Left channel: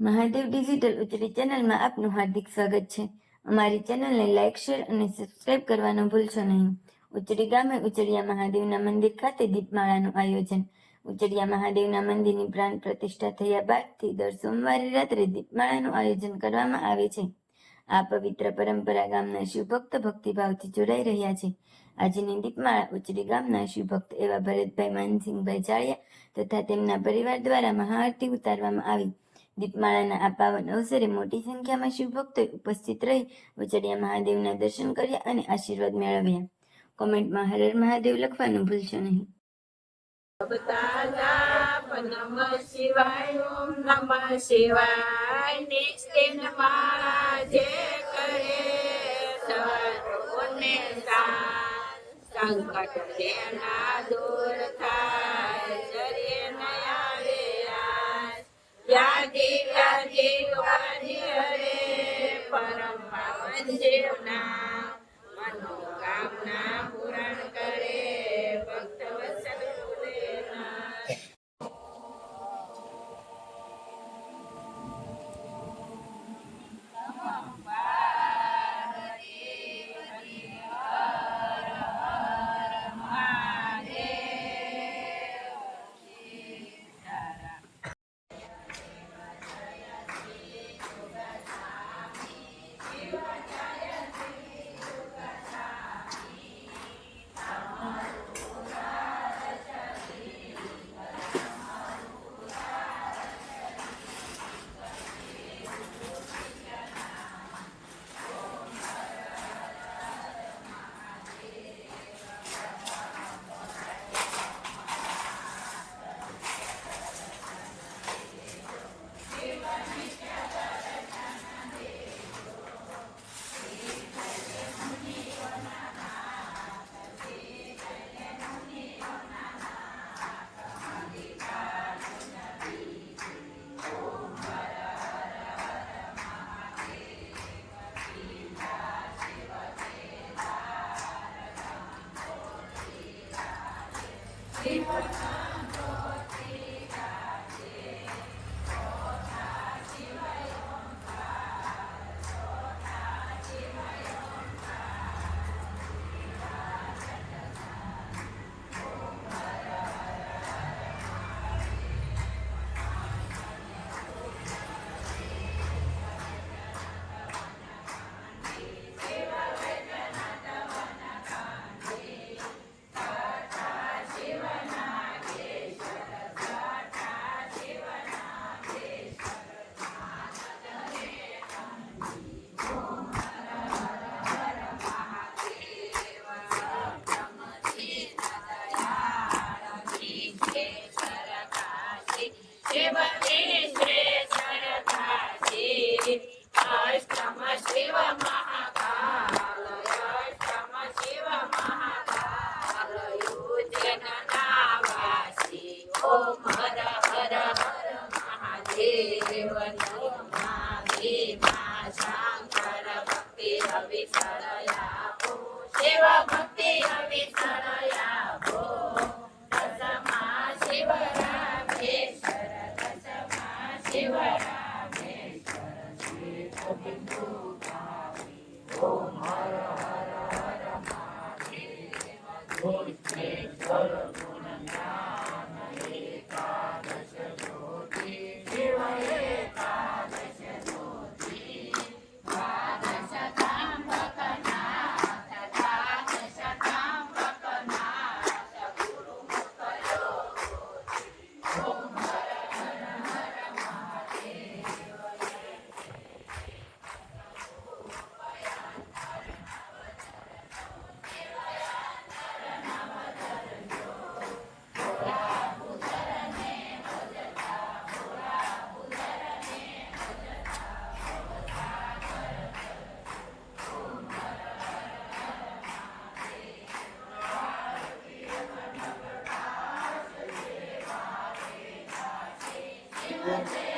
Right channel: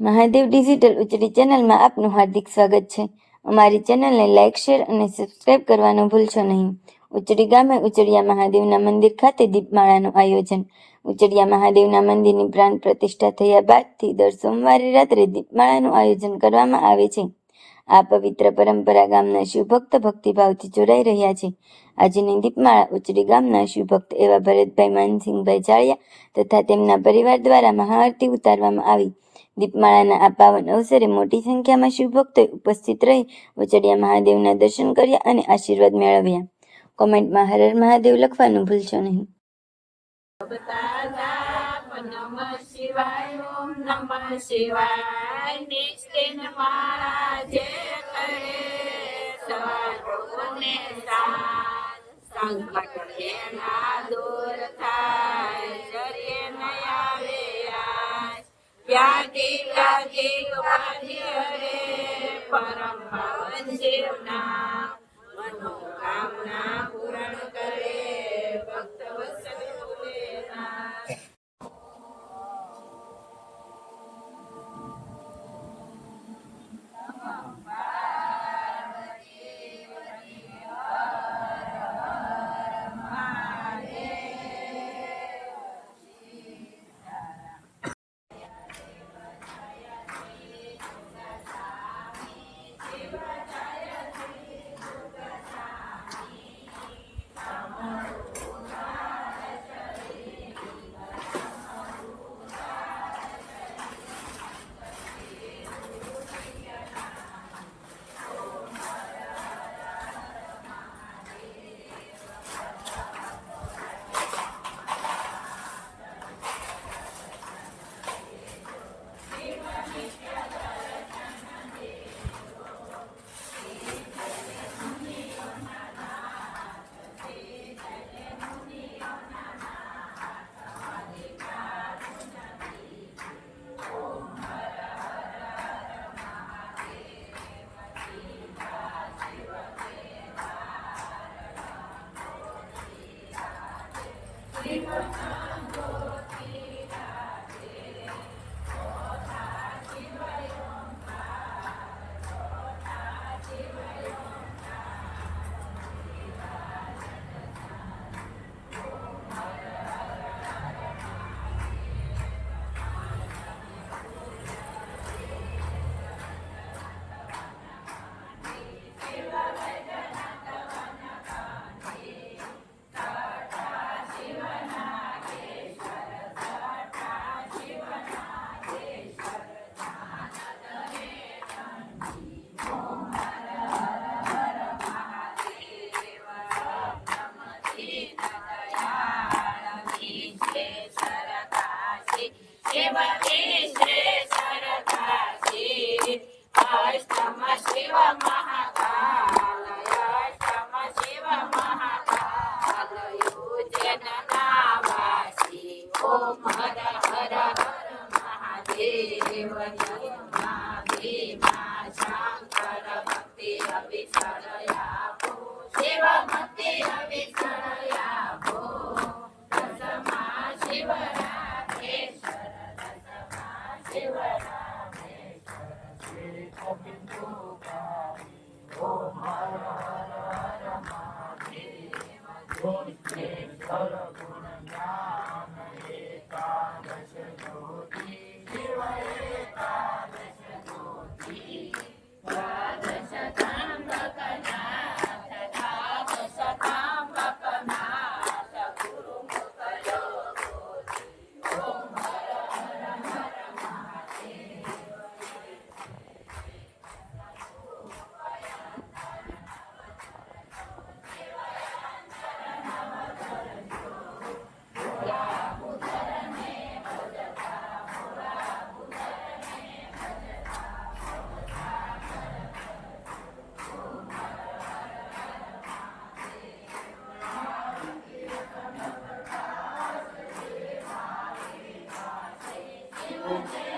Mahadev digital Uchdi ચેનલમાં આપનું હાર્દિક સ્વાગત છે। અમારી ચેનલને લાઇક, શેર અને સબસ્ક્રાઇબ કરવાનું ભૂલશો નહીં। ઉચડી ગામે ઉચડિયા મહાદેવના મંદિર ખાતે દીપમાળાનું આયોજન। ઉચડિયા મહાદેવના મંદિરની પ્રાણ પ્રતિષ્ઠા થયા બાદથી દર સોમવારે રાત્રે દીપમાળાનું આયોજન કરવામાં આવે છે। આ પવિત્ર પરંપરા ગામના શિવભક્ત ભક્તિભાવથી જોડાઈ રહ્યા છે। આજની દીપમાળા ઉચડી ગામના શિવભક્ત એવા ભરતભાઈ માનસિંહભાઈ જાળિયા તથા તેમના પરિવાર દ્વારા મહાઆરતી ઉતારવામાં આવી। દીપમાળાના આ પાવન અવસરે મોટી સંખ્યામાં શિવભક્તોએ ઉપસ્થિત રહી ઉચડિયા મહાદેવના દર્શન કર્યા અને આશીર્વાદ મેળવ્યા। કોમેન્ટમાં હર હર મહાદેવ લખવાનું ભૂલશો નહીં। નમઃ શિવાય, ઓમ નમઃ શિવાય। નિશ્ચિત માળા જે કરે સર્વોને સાથ, સંકટ જેના દૂર થાય, શરીર ન આવે આસ, વ્યાધિ ઉપાધિ હરે, પરમ પાવન શિવના મનોકામના પૂર્ણ કરે, ભક્ત વત્સલ ભોલેનાથ। અષ્ટમ શિવ મહાકાલ, અષ્ટમ શિવ મહાકાલ, યુજન નાવાસી, ઓમ હર હર હર મહાદેવ, નમઃ ભીમા શંકર, ભક્તિ અવિસરયાપો, શિવ ભક્તિ અવિસરયાપો, દસમા શિવ રામેશ્વર, દસમા શિવ Thank you.